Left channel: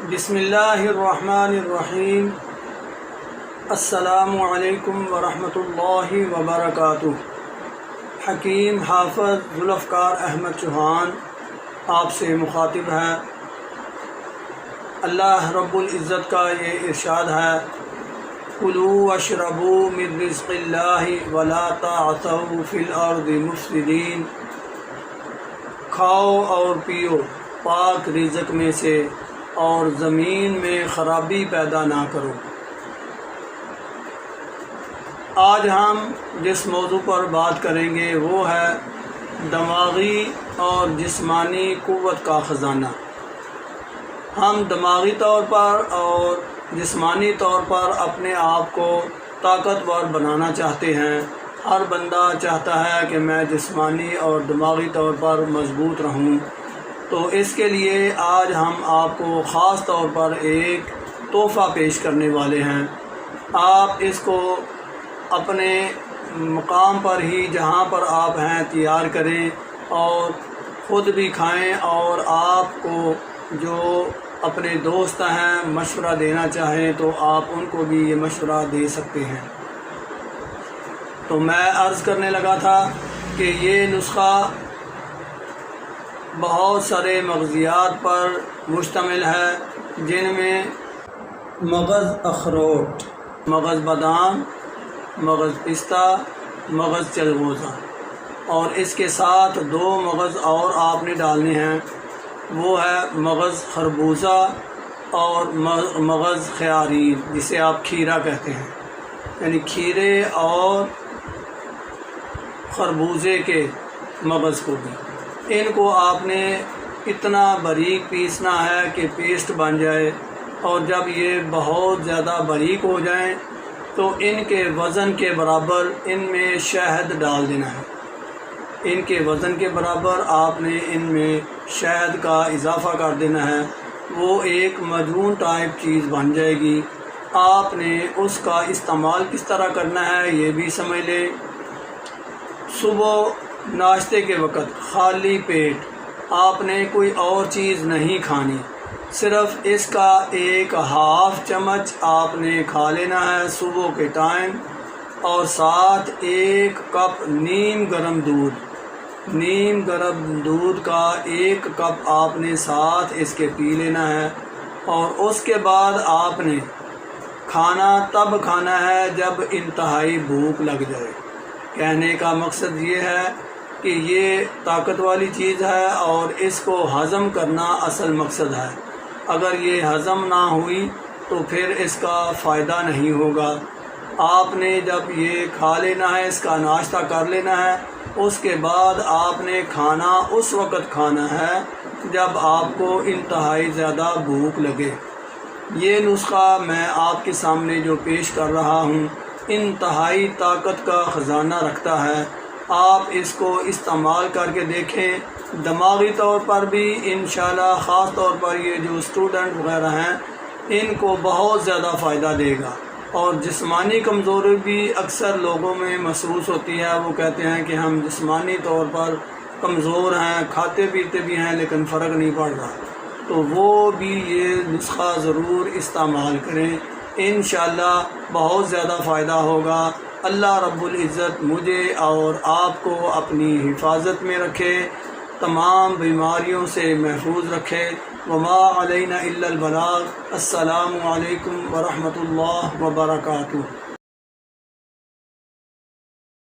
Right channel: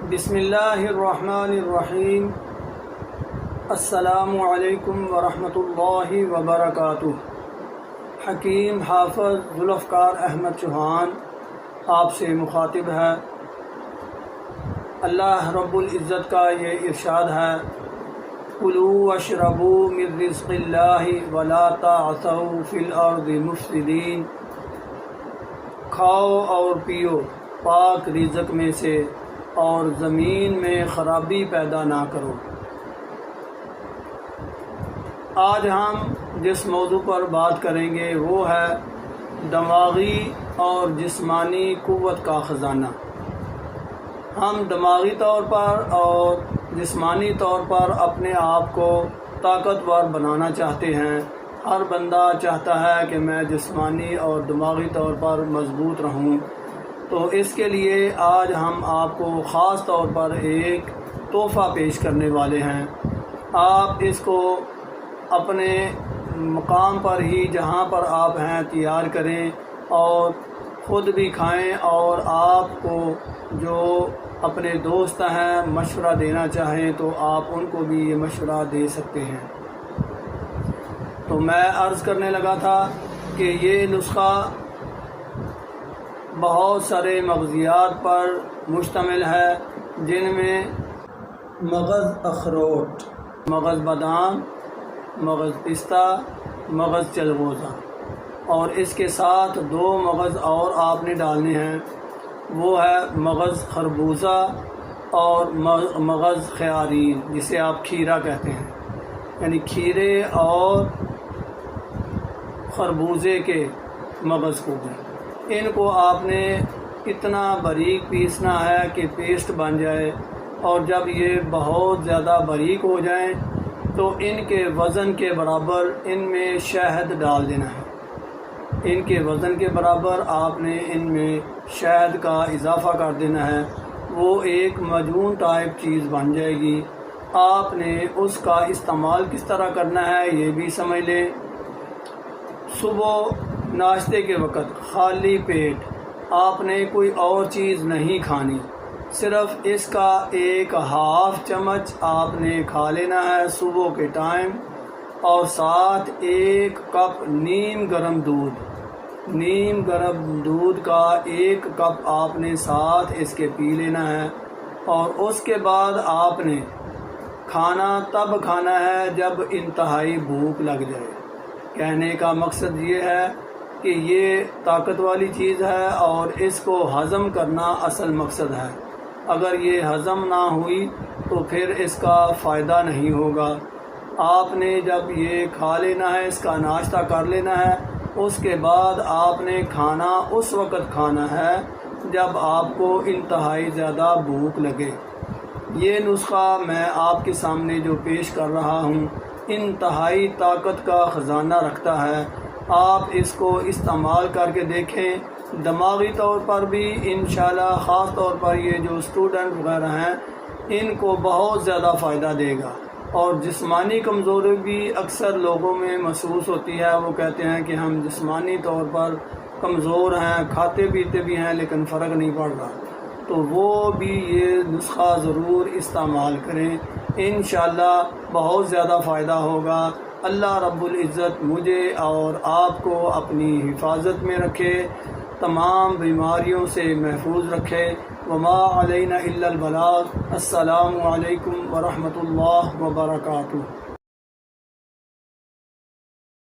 بسم اللہ الرحمن الرحیم۔ السلام علیکم ورحمۃ اللہ وبرکاتہ۔ حکیم حافظ ذوالفقار احمد چوہان آپ سے مخاطب ہے۔ اللہ رب العزت کا یہ ارشاد ہے، کلوا واشربوا من رزق اللہ ولا تعثوا فی الارض مفسدین۔ کھاؤ اور پیو پاک رزق میں سے اور زمین میں خرابی پیدا نہ کرو۔ آج ہم جس موضوع پر بات کریں گے وہ ہے دماغی اور جسمانی قوت کا خزانہ۔ ہم دماغی طور پر اور جسمانی طور پر اپنے آپ کو طاقتور بنانا چاہتے ہیں۔ ہر بندہ چاہتا ہے کہ میں جسمانی اور دماغی طور پر مضبوط رہوں، تو اس کے لیے آج ہم آپ کو خاص طور پر ایک تحفہ پیش کرنے والے ہیں۔ آپ اس کو اپنے مقام پر ہی جہاں پر آپ ہیں تیار کریں اور خود بھی کھائیں، اور آپ کو جو اپنے دوست ہیں مشورہ دینا چاہیں تو آپ ان کو بھی یہ مشورہ دے سکتے ہیں۔ تو میں عرض کرنے لگا تھا کہ یہ نسخہ بہت سارے مغزیات پر مشتمل ہے، جن میں مغز اخروٹ، مغز بادام، مغز پستہ، مغز چلغوزہ، اور اس کے ساتھ 2 مغز اور آپ نے ڈالنے ہیں، وہ ہے مغز خربوزہ اور مغز خیارین، جسے آپ کھیرا کہتے ہیں، یعنی کھیرے اور خربوزے کے مغز کو بھی۔ ان کو آپ نے اتنا باریک پیسنا ہے کہ پیسٹ بن جائے، اور جب یہ بہت زیادہ باریک ہو جائیں تو ان کے وزن کے برابر ان میں شہد ڈال دینا ہے۔ ان کے وزن کے برابر آپ نے ان میں شہد کا اضافہ کر دینا ہے، وہ ایک معجون ٹائپ چیز بن جائے گی۔ آپ نے اس کا استعمال کس طرح کرنا ہے یہ بھی سمجھ لیں۔ صبح ناشتے کے وقت خالی پیٹ آپ نے کوئی اور چیز نہیں کھانی، صرف اس کا 1/2 چمچ آپ نے کھا لینا ہے صبح کے ٹائم، اور ساتھ 1 کپ نیم گرم دودھ کا 1 کپ آپ نے ساتھ اس کے پی لینا ہے۔ اور اس کے بعد آپ نے کھانا تب کھانا ہے جب انتہائی بھوک لگ جائے۔ کہنے کا مقصد یہ ہے کہ یہ طاقت والی چیز ہے اور اس کو ہضم کرنا اصل مقصد ہے۔ اگر یہ ہضم نہ ہوئی تو پھر اس کا فائدہ نہیں ہوگا۔ آپ نے جب یہ کھا لینا ہے، اس کا ناشتہ کر لینا ہے، اس کے بعد آپ نے کھانا اس وقت کھانا ہے جب آپ کو انتہائی زیادہ بھوک لگے۔ یہ نسخہ میں آپ کے سامنے جو پیش کر رہا ہوں انتہائی طاقت کا خزانہ رکھتا ہے۔ آپ اس کو استعمال کر کے دیکھیں، دماغی طور پر بھی انشاءاللہ، خاص طور پر یہ جو اسٹوڈنٹ وغیرہ ہیں ان کو بہت زیادہ فائدہ دے گا۔ اور جسمانی کمزوری بھی اکثر لوگوں میں محسوس ہوتی ہے، وہ کہتے ہیں کہ ہم جسمانی طور پر کمزور ہیں، کھاتے پیتے بھی ہیں لیکن فرق نہیں پڑ رہا، تو وہ بھی یہ نسخہ ضرور استعمال کریں، انشاءاللہ بہت زیادہ فائدہ ہوگا۔ اللہ رب العزت مجھے اور آپ کو اپنی حفاظت میں رکھے، تمام بیماریوں سے محفوظ رکھے۔ وما علینا الا البلاغ۔ السلام علیکم ورحمۃ اللہ وبرکاتہ۔